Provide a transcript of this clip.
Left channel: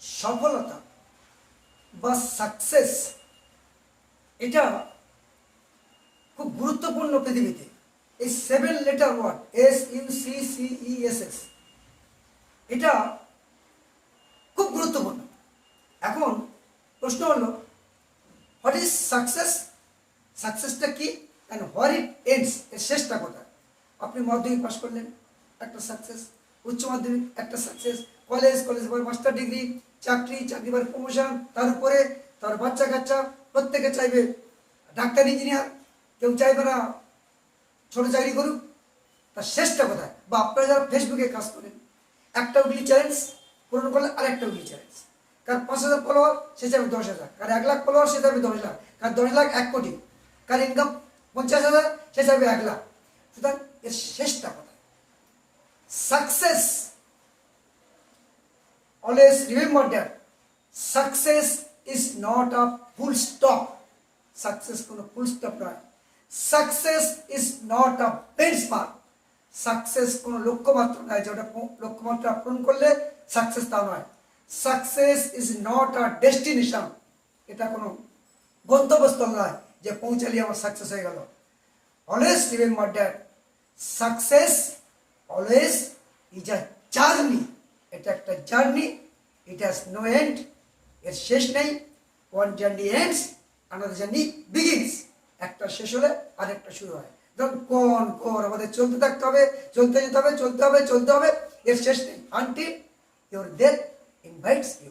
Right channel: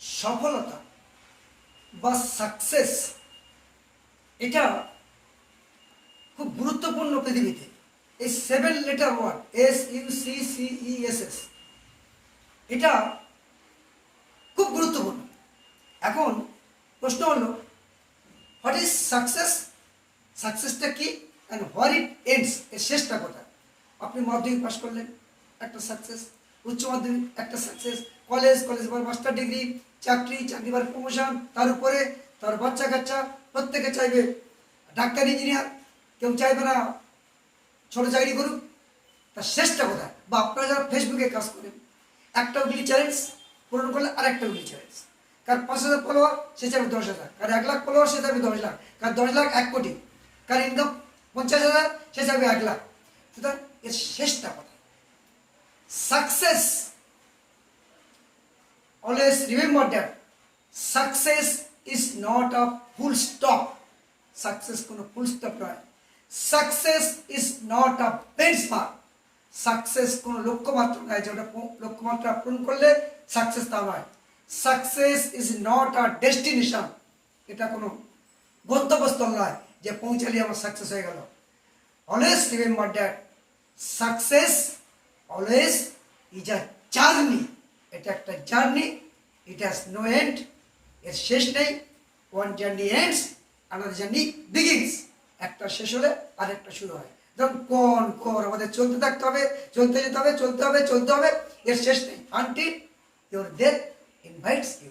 সফলতা বা সাকসেস এটা খুব গুরুত্বপূর্ণ পৃথিবীতে। এই 7 লেটার ওয়ার্ড SUCCESS এটা খুব গুরুত্বপূর্ণ। এখন প্রশ্ন হলো, হোয়াট ইজ সাকসেস? সাকসেসটা কি অ্যান্ড হোয়ার ইট এন্ডস, এর শেষটা কোথায়? আপনি মাধ্যমিক পাস করলেন, একটা সাকসেস। উচ্চ মাধ্যমিক একটা সাকসেস। কলেজ পরে মাস্টার ডিগ্রি, চাকরি পরে প্রমোশন, তার উপরে তার বাচ্চা কাচ্চা, প্রত্যেকে চাইবে ডাক্তার ইঞ্জিনিয়ার, কেউ চাইবে না ছোট চাকরি করুক। তার শেষটা কোথায়? বা আপনারা যারা ফেসবুকে কাজ করেন, একটা উইকলি চ্যালেঞ্জ পূরণ করলে আর একটা উইকলি চ্যালেঞ্জ। কার 5,000 ফলোয়ার, সে চাইবে 10,000। কার 1 লাখ ফলোয়ার, সে চাইবে 10 লাখ। কার 10 লাখ 1 কোটি। কার ইনকাম 50,000, সে চাইবে 1 লাখ। সুতরাং এর শেষটা কোথায়? Success, always remember that success is not a full stop. Success কোনো ফুল স্টপ নয়। Success is not a benchmark. Success কোনো লক্ষ্যমাত্র নয়, যেটা লক্ষ্যমাত্রা পূরণ করলে সাকসেস তা নয়। Success is not a destination, এটা কোনো গন্তব্যস্থল নয় যে পৌঁছালে আমার সাকসেস হয়ে গেল। Always remember that success always is a journey. এটা একটা journey, it has no end, এর শেষ নেই। One journey ends, another journey begins. একটা শেষ হলে আরেকটা শুরু হয়। যেমন কর আমাদের চলতে থাকতে হবে, চলতে যেতে হবে, চলতে হবে, এর শেষ নেই। Until your death invites you.